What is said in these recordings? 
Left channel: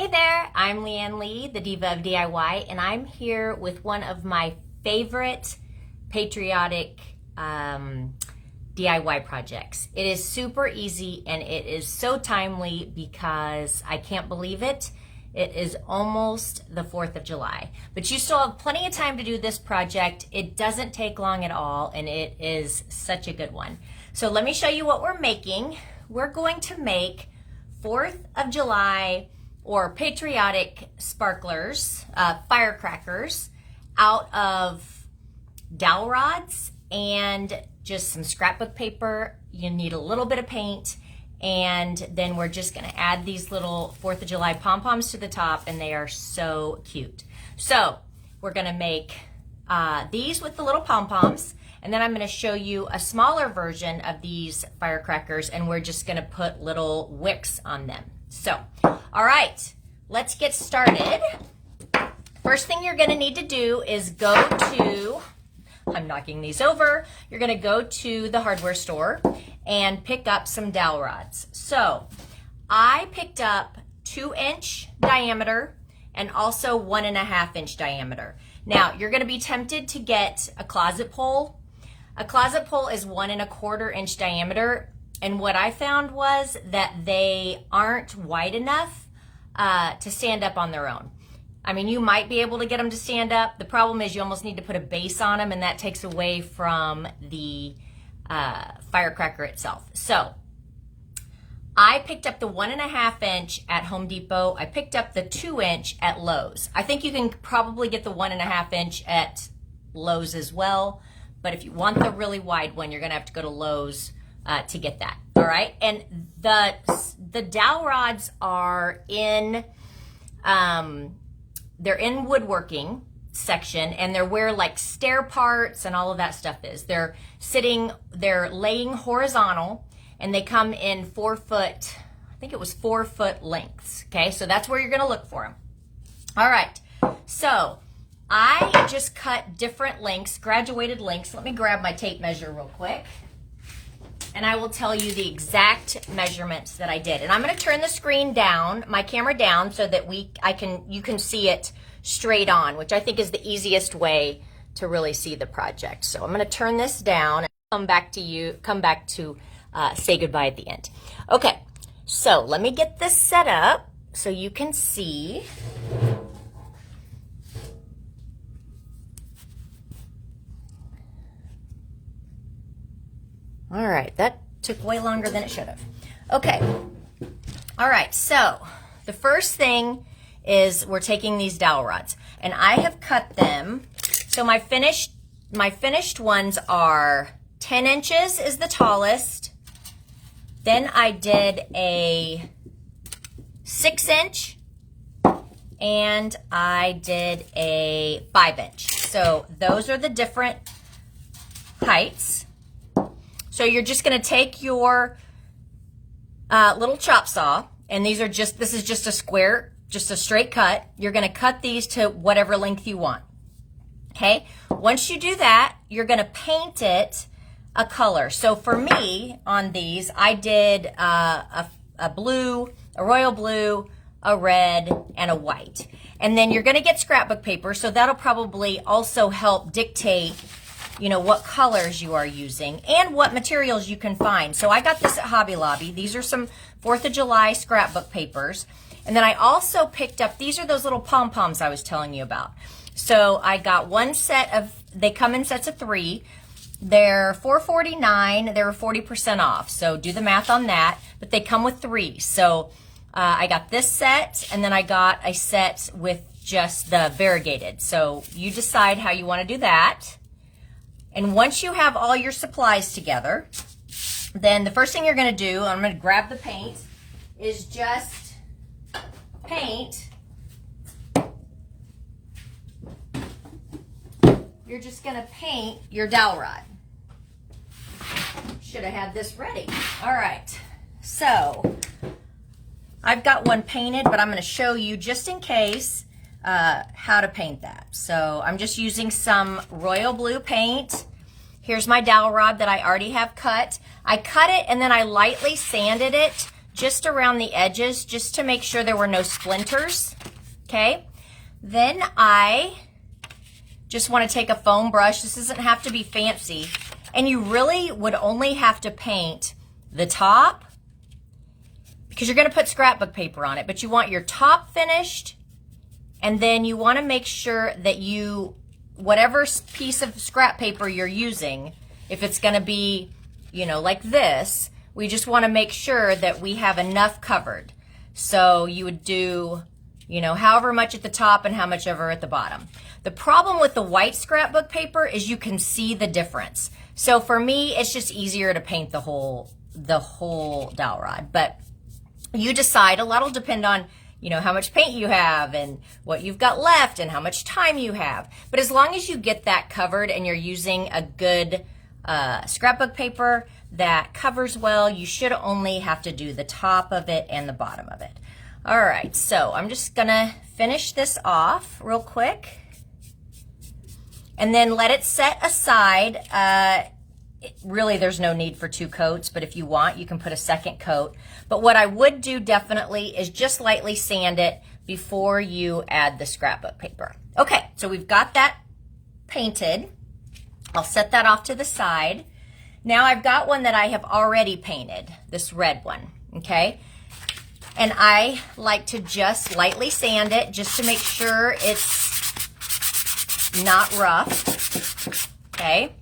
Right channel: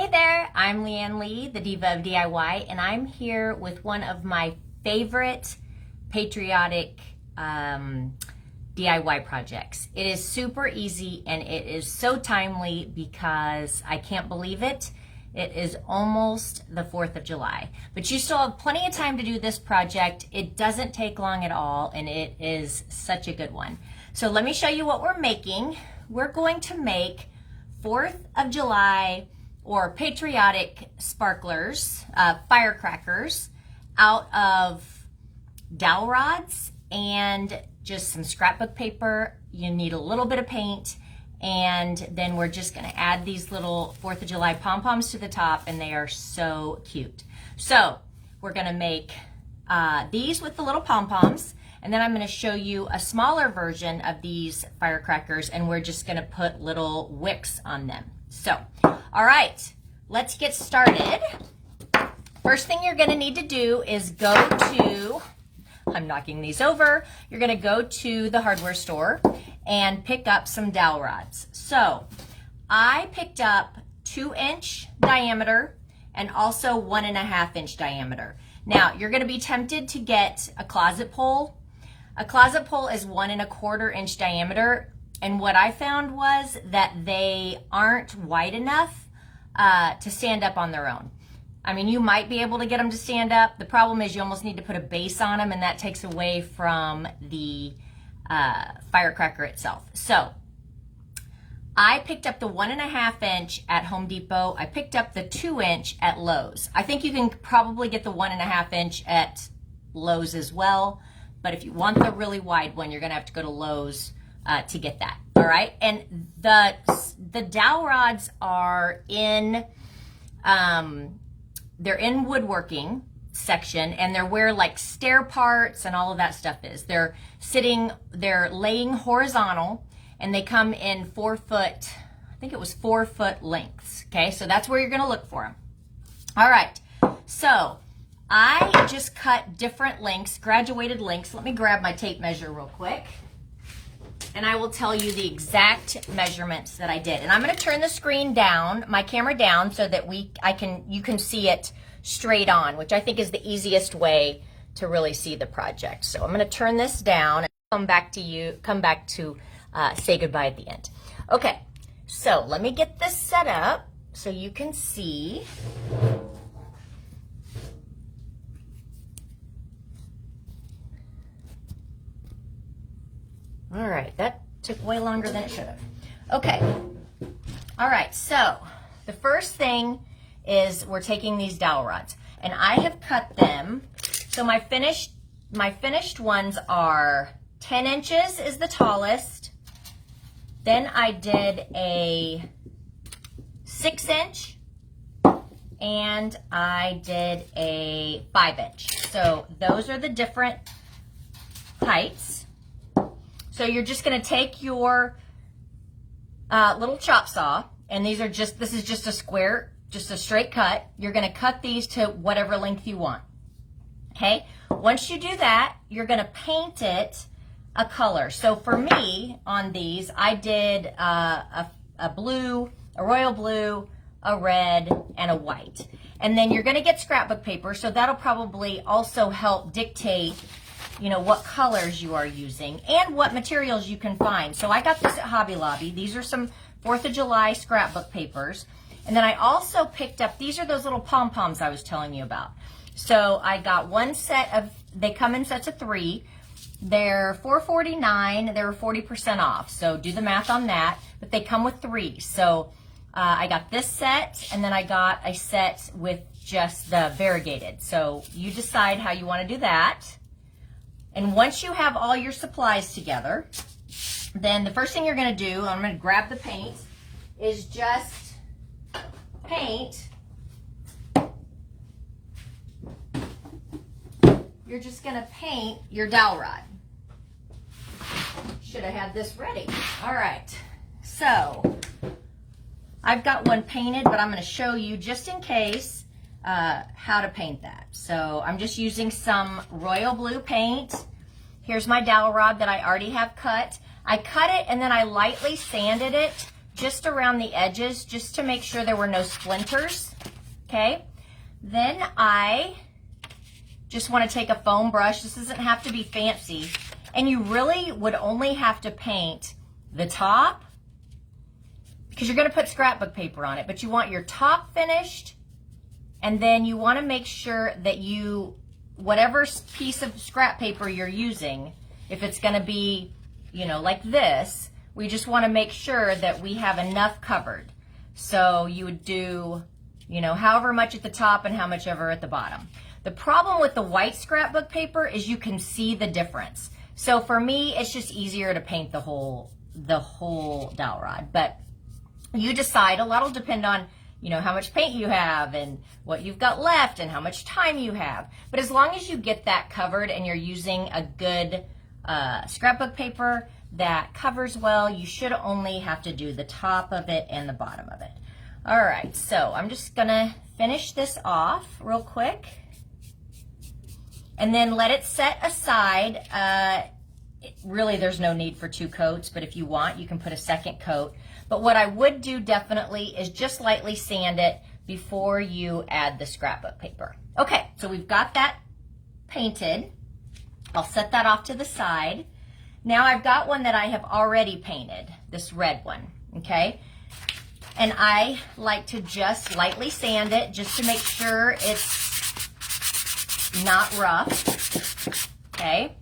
Hey there, I'm Leanne Lee, the Diva of DIY, and I'm here with one of my favorite patriotic DIY projects. It is super easy and it is so timely because I can't believe it. It is almost the 4th of July, but you still have plenty of time to do this project. It doesn't take long at all and it is such a good one. So let me show you what we're making. We're going to make 4th of July or patriotic sparklers, firecrackers, out of dowel rods and just some scrapbook paper. You need a little bit of paint, and then we're just gonna add these little 4th of July pom-poms to the top, and they are so cute. So we're gonna make these with the little pom-poms, and then I'm gonna show you a smaller version of these firecrackers, and we're just gonna put little wicks on them. So, all right, let's get started. First thing you're gonna need to do is go to, I'm knocking these over, you're gonna go to the hardware store and pick up some dowel rods. So, I picked up 2-inch diameter and also 1.5-inch diameter. Now, you're gonna be tempted to get a closet pole. A closet pole is 1.25-inch diameter. And what I found was that they aren't wide enough to stand up on their own. I mean, you might be able to get them to stand up. The problem is you almost need to put a base on them, and that takes away from the firecracker itself. So I picked up the 1.5-inch at Home Depot. I picked up the 2-inch at Lowe's. I think you can probably get the 1.5-inch at Lowe's as well. But if you want the really wide one, you're gonna have to go to Lowe's to get that. All right, and the dowel rods are in they're in woodworking section, and they're where like stair parts and all of that stuff is. They're laying horizontal, and they come in 4-foot, I think it was 4-foot lengths. Okay, so that's where you're gonna look for them. All right, so I just cut different lengths, graduated lengths. Let me grab my tape measure real quick, and I will tell you the exact measurements that I did. And I'm gonna turn the screen down, my camera down, so that you can see it straight on, which I think is the easiest way to really see the project. So I'm gonna turn this down and come back to say goodbye at the end. Okay, so let me get this set up so you can see. All right, that took way longer than it should have. Okay, all right, so the first thing is we're taking these dowel rods, and I have cut them. So my finished ones are 10 inches is the tallest. Then I did a 6-inch, and I did a 5-inch. So those are the different heights. So you're just gonna take your little chop saw, and this is just a square, just a straight cut. You're gonna cut these to whatever length you want, okay? Once you do that, you're gonna paint it a color. So for me, on these, I did a blue, a royal blue, a red, and a white. And then you're gonna get scrapbook paper, so that'll probably also help dictate what colors you are using and what materials you can find. So I got this at Hobby Lobby. These are some 4th of July scrapbook papers. And then I also picked up, these are those little pom-poms I was telling you about. So I got one set of, they come in sets of 3. They're $4.49, they were 40% off. So do the math on that, but they come with 3. So I got this set, and then I got a set with just the variegated. So you decide how you wanna do that. And once you have all your supplies together, then the first thing you're gonna do, I'm gonna grab the paint, is just paint. You're just gonna paint your dowel rod. Should have had this ready. All right, so I've got one painted, but I'm gonna show you just in case how to paint that. So I'm just using some royal blue paint. Here's my dowel rod that I already have cut. I cut it and then I lightly sanded it just around the edges, just to make sure there were no splinters, okay? Then I just want to take a foam brush. This doesn't have to be fancy. And you really would only have to paint the top, because you're going to put scrapbook paper on it, but you want your top finished, and then you want to make sure that whatever piece of scrap paper you're using, if it's going to be, you know, like this, we just want to make sure that we have enough covered. So you would do, you know, however much at the top and how much over at the bottom. The problem with the white scrapbook paper is you can see the difference. So for me, it's just easier to paint the whole dowel rod. But you decide. A lot will depend on, you know, how much paint you have and what you've got left and how much time you have. But as long as you get that covered and you're using a good scrapbook paper that covers well, you should only have to do the top of it and the bottom of it. All right, so I'm just gonna finish this off real quick and then let it set aside. Really, there's no need for 2 coats, but if you want, you can put a second coat. But what I would do definitely is just lightly sand it before you add the scrapbook paper. Okay, so we've got that painted. I'll set that off to the side. Now I've got one that I have already painted, this red one, okay? And I like to just lightly sand it just to make sure it's not rough, okay?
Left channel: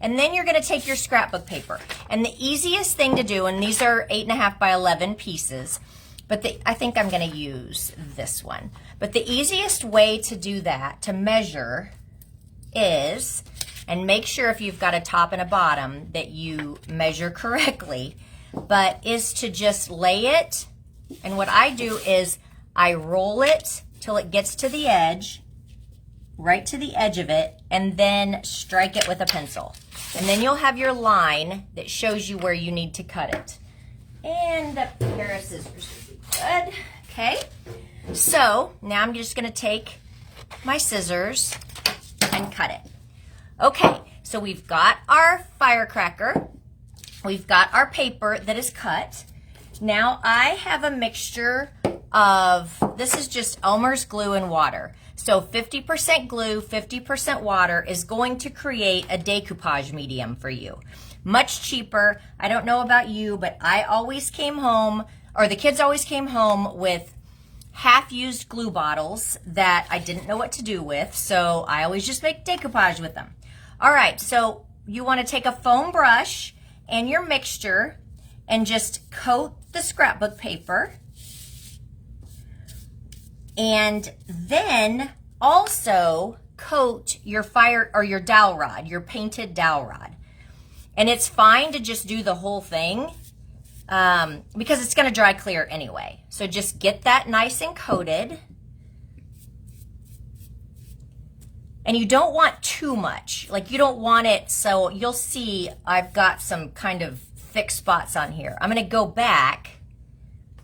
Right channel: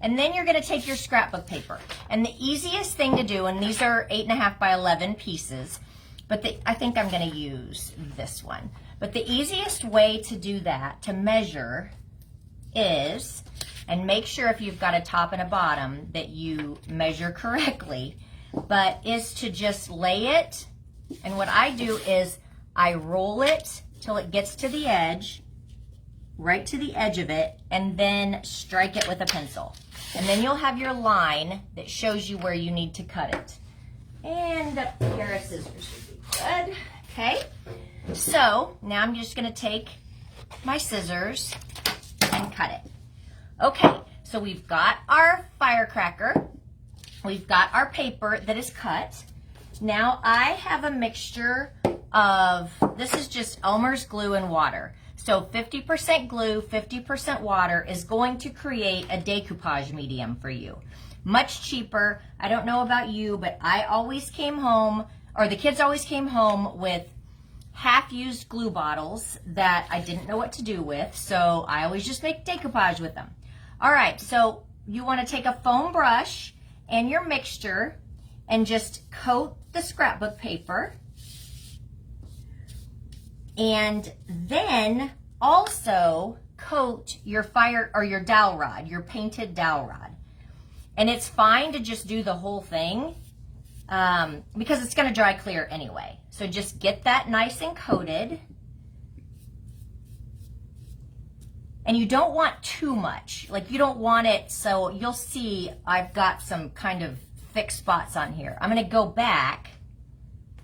And then you're gonna take your scrapbook paper. And the easiest thing to do, and these are 8.5 by 11 pieces, but I think I'm gonna use this one. But the easiest way to do that, to measure, is, and make sure if you've got a top and a bottom that you measure correctly, but is to just lay it, and what I do is I roll it till it gets to the edge, right to the edge of it, and then strike it with a pencil. And then you'll have your line that shows you where you need to cut it. And a pair of scissors would be good. Okay, so now I'm just gonna take my scissors and cut it. Okay, so we've got our firecracker, we've got our paper that is cut. Now I have a mixture of, this is just Elmer's glue and water. So 50% glue, 50% water is going to create a decoupage medium for you. Much cheaper. I don't know about you, but I always came home, or the kids always came home with half-used glue bottles that I didn't know what to do with, so I always just make decoupage with them. All right, so you want to take a foam brush and your mixture and just coat the scrapbook paper, and then also coat your your dowel rod, your painted dowel rod. And it's fine to just do the whole thing because it's going to dry clear anyway. So just get that nice and coated. And you don't want too much. Like, you don't want it, so you'll see I've got some kind of thick spots on here. I'm going to go back.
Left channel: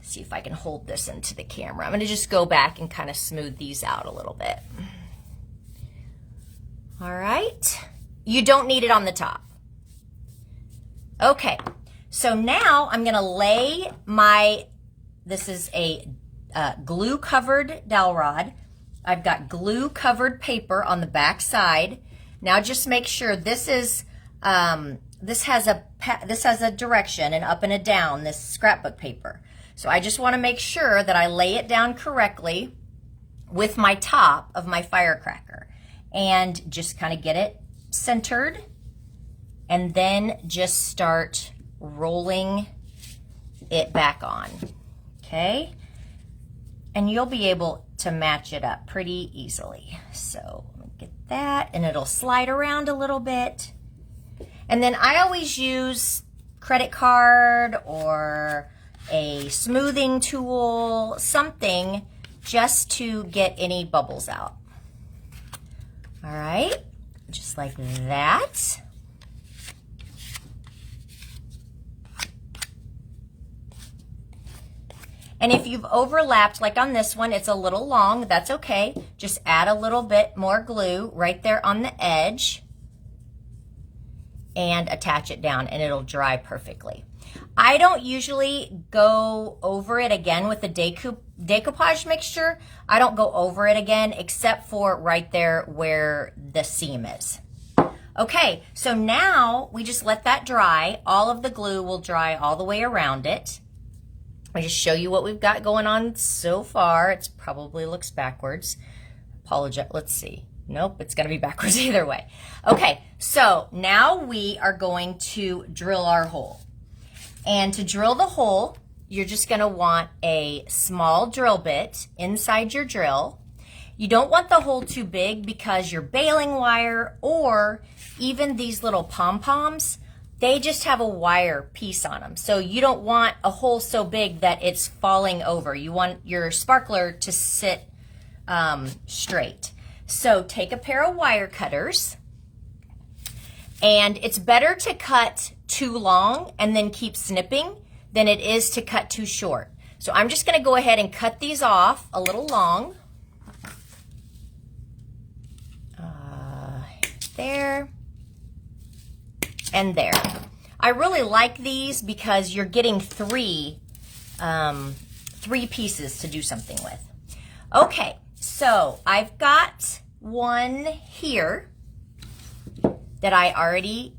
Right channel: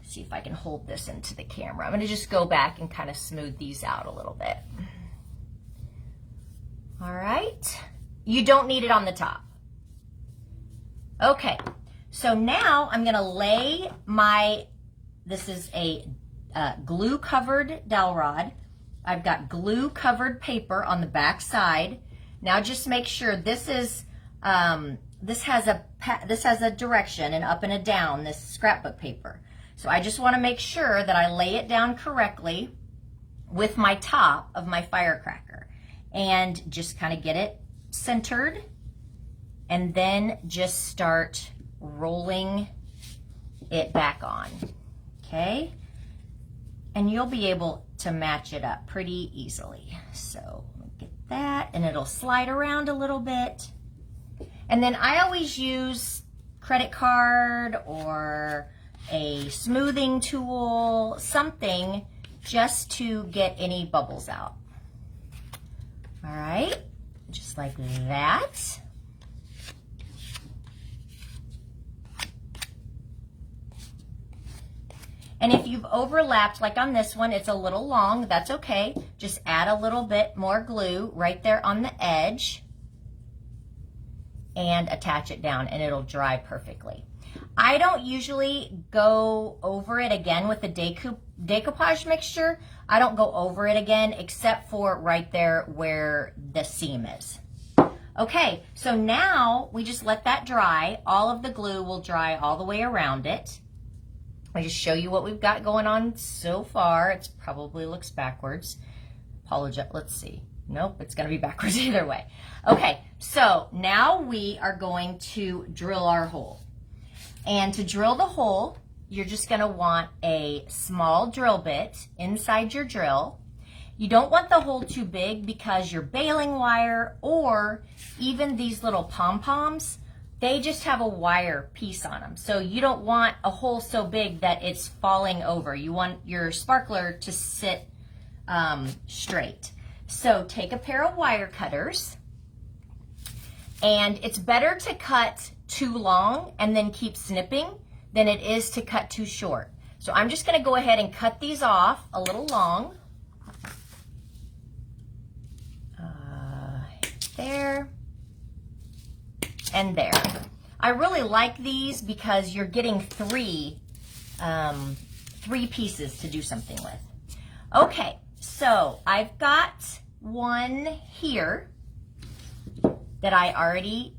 See if I can hold this into the camera. I'm going to just go back and kind of smooth these out a little bit. All right. You don't need it on the top. Okay. So now I'm going to lay this is a glue covered dowel rod. I've got glue covered paper on the back side. Now just make sure this is, this has a direction, an up and a down, this scrapbook paper. So I just want to make sure that I lay it down correctly with my top of my firecracker and just kind of get it centered, and then just start rolling it back on, okay? And you'll be able to match it up pretty easily. So get that, and it'll slide around a little bit. And then I always use credit card or a smoothing tool, something just to get any bubbles out. All right, just like that. And if you've overlapped, like on this one, it's a little long, that's okay. Just add a little bit more glue right there on the edge and attach it down, and it'll dry perfectly. I don't usually go over it again with the decoupage mixture. I don't go over it again except for right there where the seam is. Okay, so now we just let that dry. All of the glue will dry all the way around it. I just show you what we've got going on so far. It probably looks backwards. Apologize, let's see. Nope, it's gonna be backwards either way. Okay, so now we are going to drill our hole. And to drill the hole, you're just gonna want a small drill bit inside your drill. You don't want the hole too big because your baling wire or even these little pom-poms, they just have a wire piece on them. So you don't want a hole so big that it's falling over. You want your sparkler to sit straight. So take a pair of wire cutters, and it's better to cut too long and then keep snipping than it is to cut too short. So I'm just gonna go ahead and cut these off a little long. There and there. I really like these because you're getting three pieces to do something with. Okay, so I've got one here that I already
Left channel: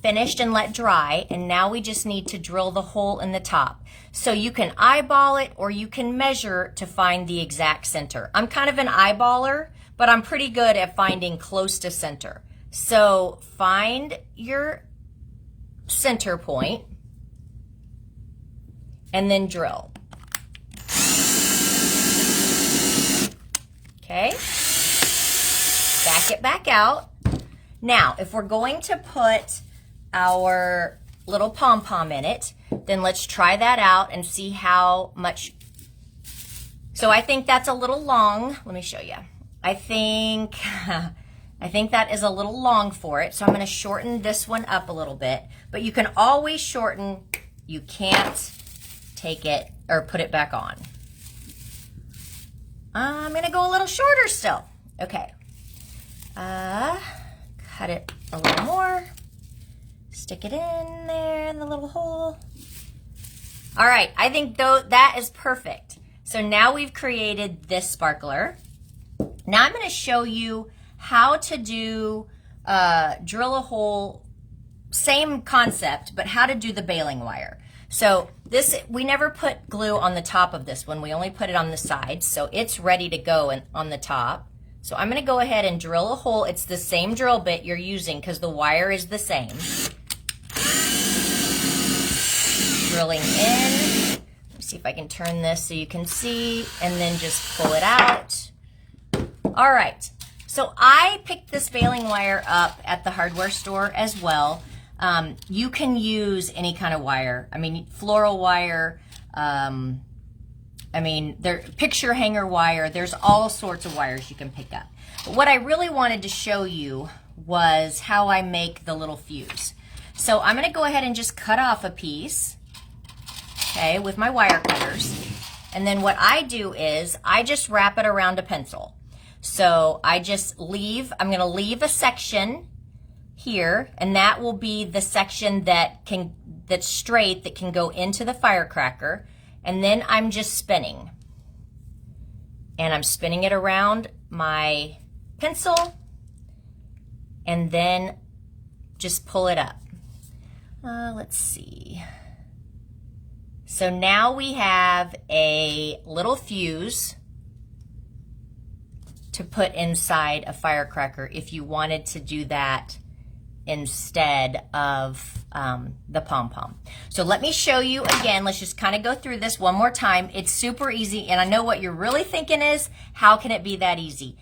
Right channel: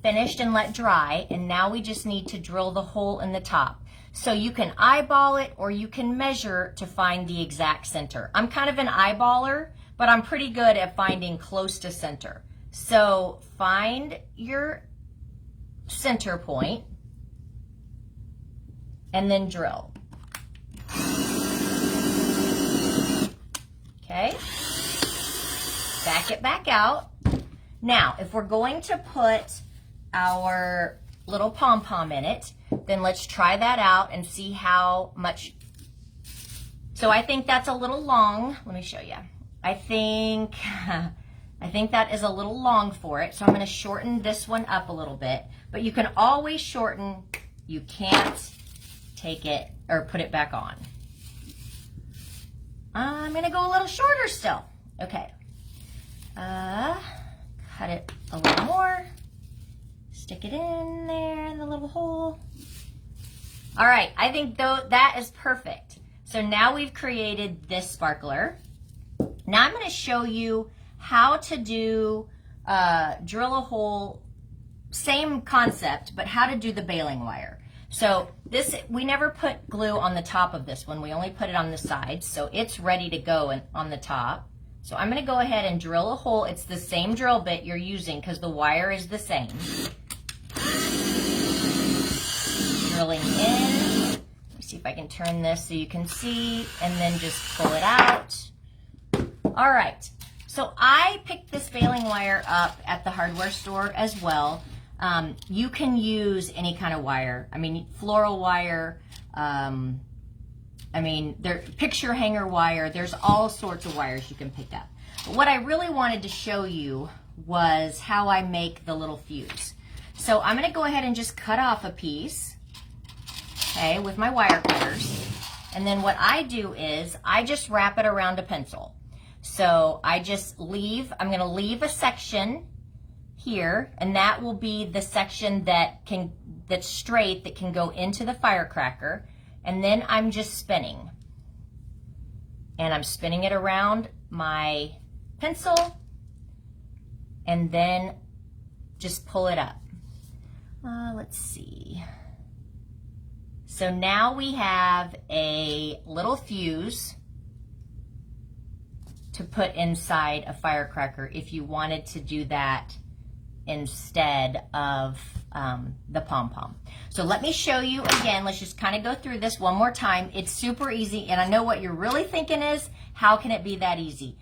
finished and let dry, and now we just need to drill the hole in the top. So you can eyeball it or you can measure to find the exact center. I'm kind of an eyeballer, but I'm pretty good at finding close to center. So find your center point and then drill. Okay, back it back out. Now, if we're going to put our little pom-pom in it, then let's try that out and see how much. So I think that's a little long. Let me show you. I think that is a little long for it, so I'm going to shorten this one up a little bit, but you can always shorten. You can't take it or put it back on. I'm going to go a little shorter still. Okay. Cut it a little more. Stick it in there in the little hole. All right, I think that is perfect. So now we've created this sparkler. Now I'm going to show you how to do drill a hole, same concept, but how to do the baling wire. So this, we never put glue on the top of this one. We only put it on the sides, so it's ready to go on the top. So I'm going to go ahead and drill a hole. It's the same drill bit you're using because the wire is the same. Drilling in. Let me see if I can turn this so you can see, and then just pull it out. All right, so I picked this baling wire up at the hardware store as well. You can use any kind of wire. I mean, floral wire, picture hanger wire. There's all sorts of wires you can pick up. But what I really wanted to show you was how I make the little fuse. So I'm gonna go ahead and just cut off a piece, okay, with my wire cutters. And then what I do is I just wrap it around a pencil. So I just I'm gonna leave a section here, and that will be the section that's straight, that can go into the firecracker. And then I'm just spinning. And I'm spinning it around my pencil, and then just pull it up. Let's see. So now we have a little fuse to put inside a firecracker if you wanted to do that instead of the pom-pom. So let me show you again. Let's just kind of go through this one more time. It's super easy, and I know what you're really thinking is, how can it be that easy?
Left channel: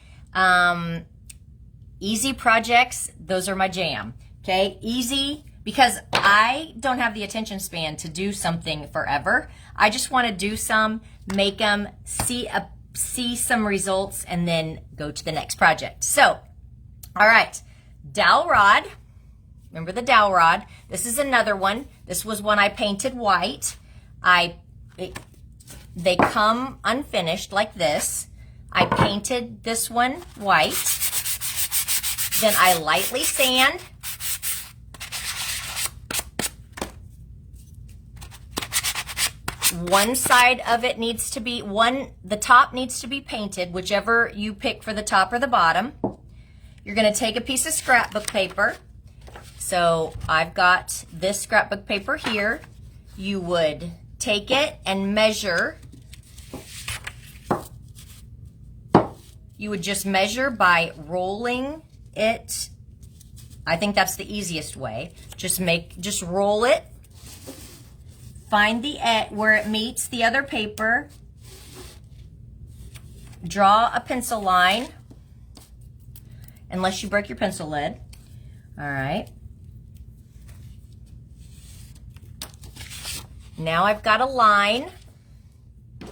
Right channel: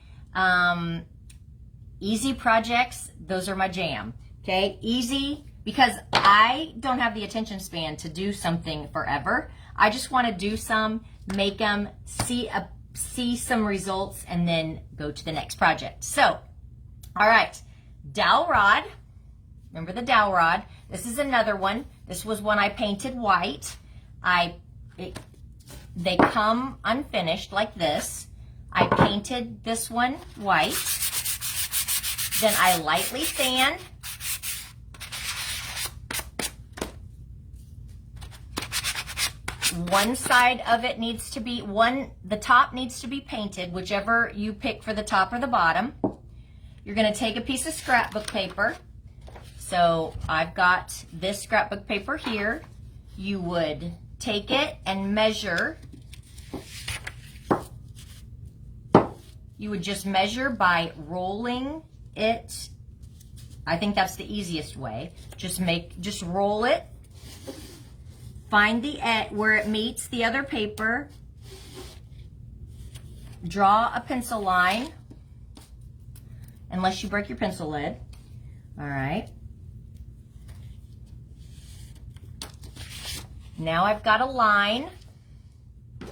Easy projects, those are my jam, okay? Easy, because I don't have the attention span to do something forever. I just want to do some, make them, see some results, and then go to the next project. So, all right, dowel rod. Remember the dowel rod? This is another one. This was one I painted white. They come unfinished like this. I painted this one white. Then I lightly sand. one side of it needs to be, the top needs to be painted, whichever you pick for the top or the bottom. You're gonna take a piece of scrapbook paper. So I've got this scrapbook paper here. You would take it and measure. You would just measure by rolling it. I think that's the easiest way. Just roll it. Find the edge where it meets the other paper. Draw a pencil line, unless you break your pencil lid. All right. Now I've got a line. I'm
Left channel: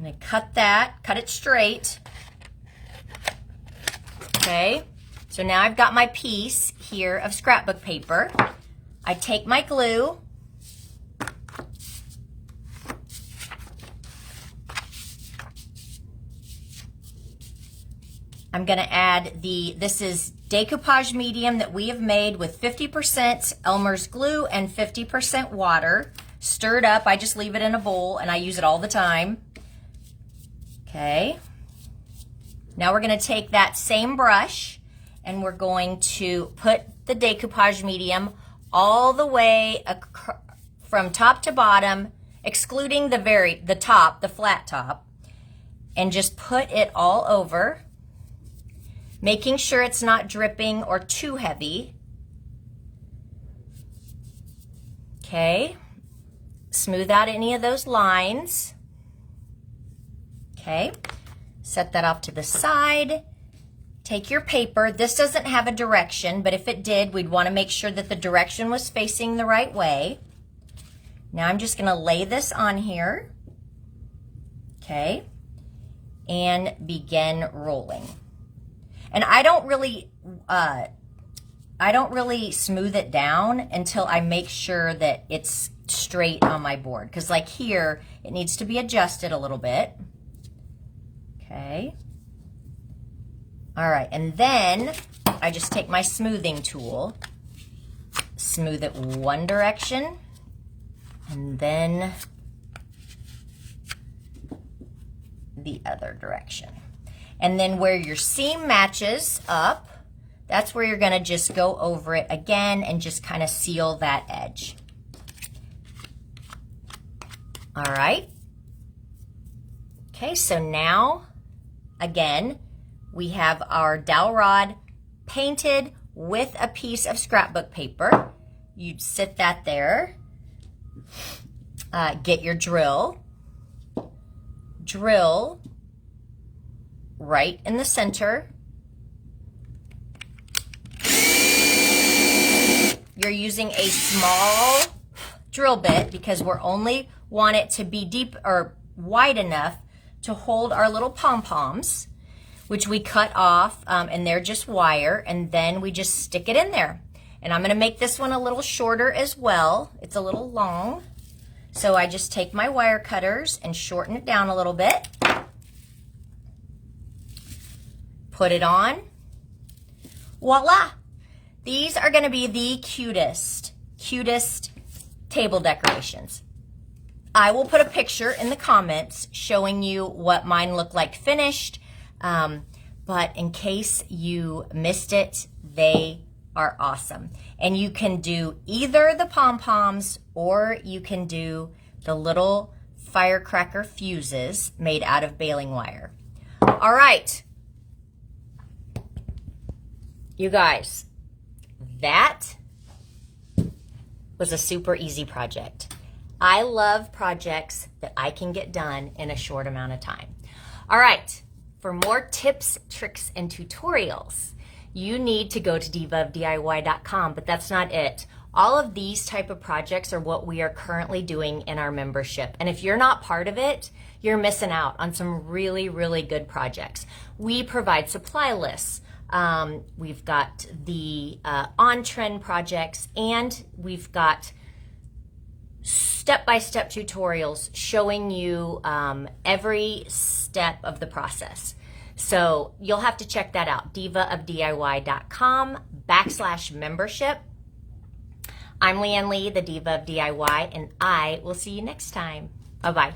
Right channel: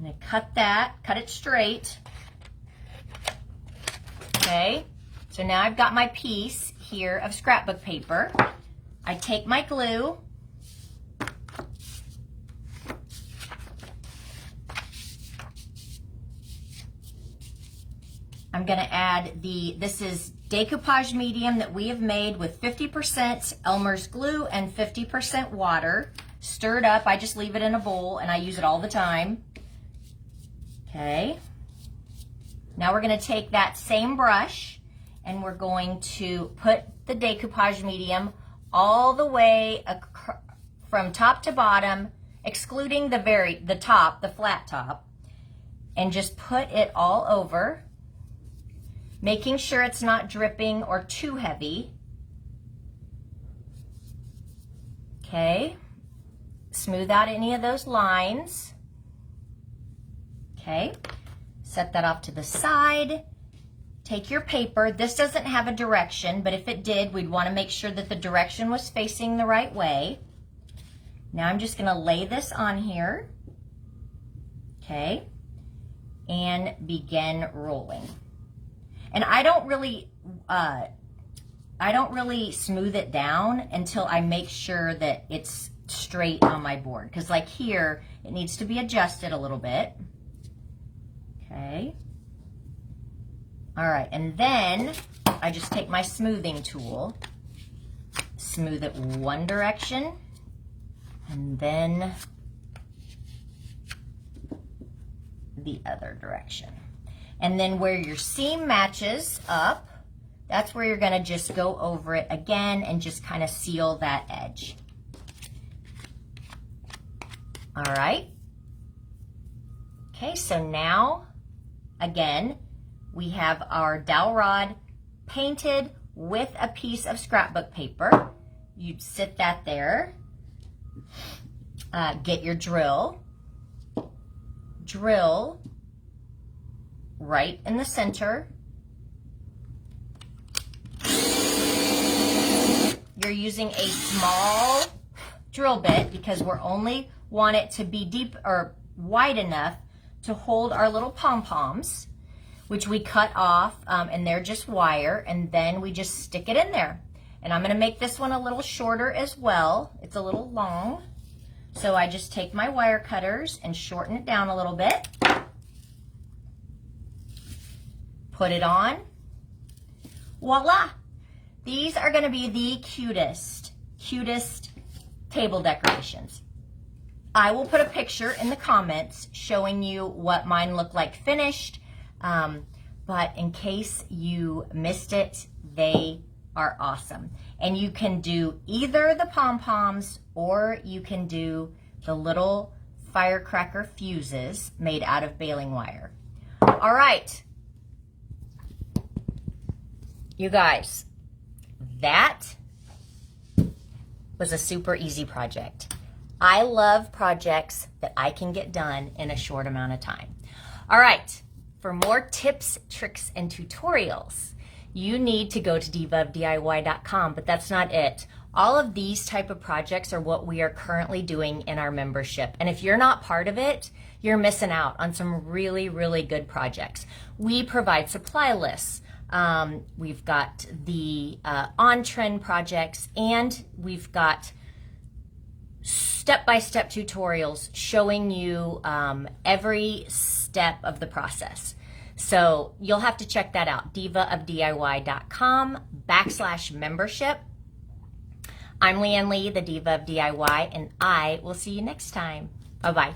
going to cut it straight. Okay, so now I've got my piece here of scrapbook paper. I take my glue. I'm going to add this is decoupage medium that we have made with 50% Elmer's glue and 50% water. Stirred up, I just leave it in a bowl and I use it all the time. Okay. Now we're going to take that same brush and we're going to put the decoupage medium all the way from top to bottom, excluding the top, the flat top, and just put it all over, making sure it's not dripping or too heavy. Okay. Smooth out any of those lines. Okay. Set that off to the side. Take your paper. This doesn't have a direction, but if it did, we'd want to make sure that the direction was facing the right way. Now I'm just going to lay this on here. Okay. And begin rolling. And I don't really smooth it down until I make sure that it's straight on my board. Because like here, it needs to be adjusted a little bit. Okay. All right, and then I just take my smoothing tool, smooth it one direction, and then the other direction. And then where your seam matches up, that's where you're gonna just go over it again and just kind of seal that edge. All right. Okay, so now, again, we have our dowel rod painted with a piece of scrapbook paper. You'd sit that there. Get your drill. Drill right in the center. You're using a small drill bit because we're only want it to be deep or wide enough to hold our little pom-poms, which we cut off, and they're just wire, and then we just stick it in there. And I'm gonna make this one a little shorter as well. It's a little long. So I just take my wire cutters and shorten it down a little bit. Put it on. Voila! These are gonna be the cutest table decorations. I will put a picture in the comments showing you what mine look like finished, but in case you missed it, they are awesome. And you can do either the pom-poms or you can do the little firecracker fuses made out of baling wire. All right, you guys, that was a super easy project. I love projects that I can get done in a short amount of time. All right, for more tips, tricks, and tutorials, you need to go to divaofdiy.com, but that's not it. All of these type of projects are what we are currently doing in our membership. And if you're not part of it, you're missing out on some really, really good projects. We provide supply lists. We've got the on-trend projects, and we've got step-by-step tutorials showing you every step of the process. So you'll have to check that out, divaofdiy.com/membership. I'm Leanne Lee, the Diva of DIY, and I will see you next time. Bye-bye.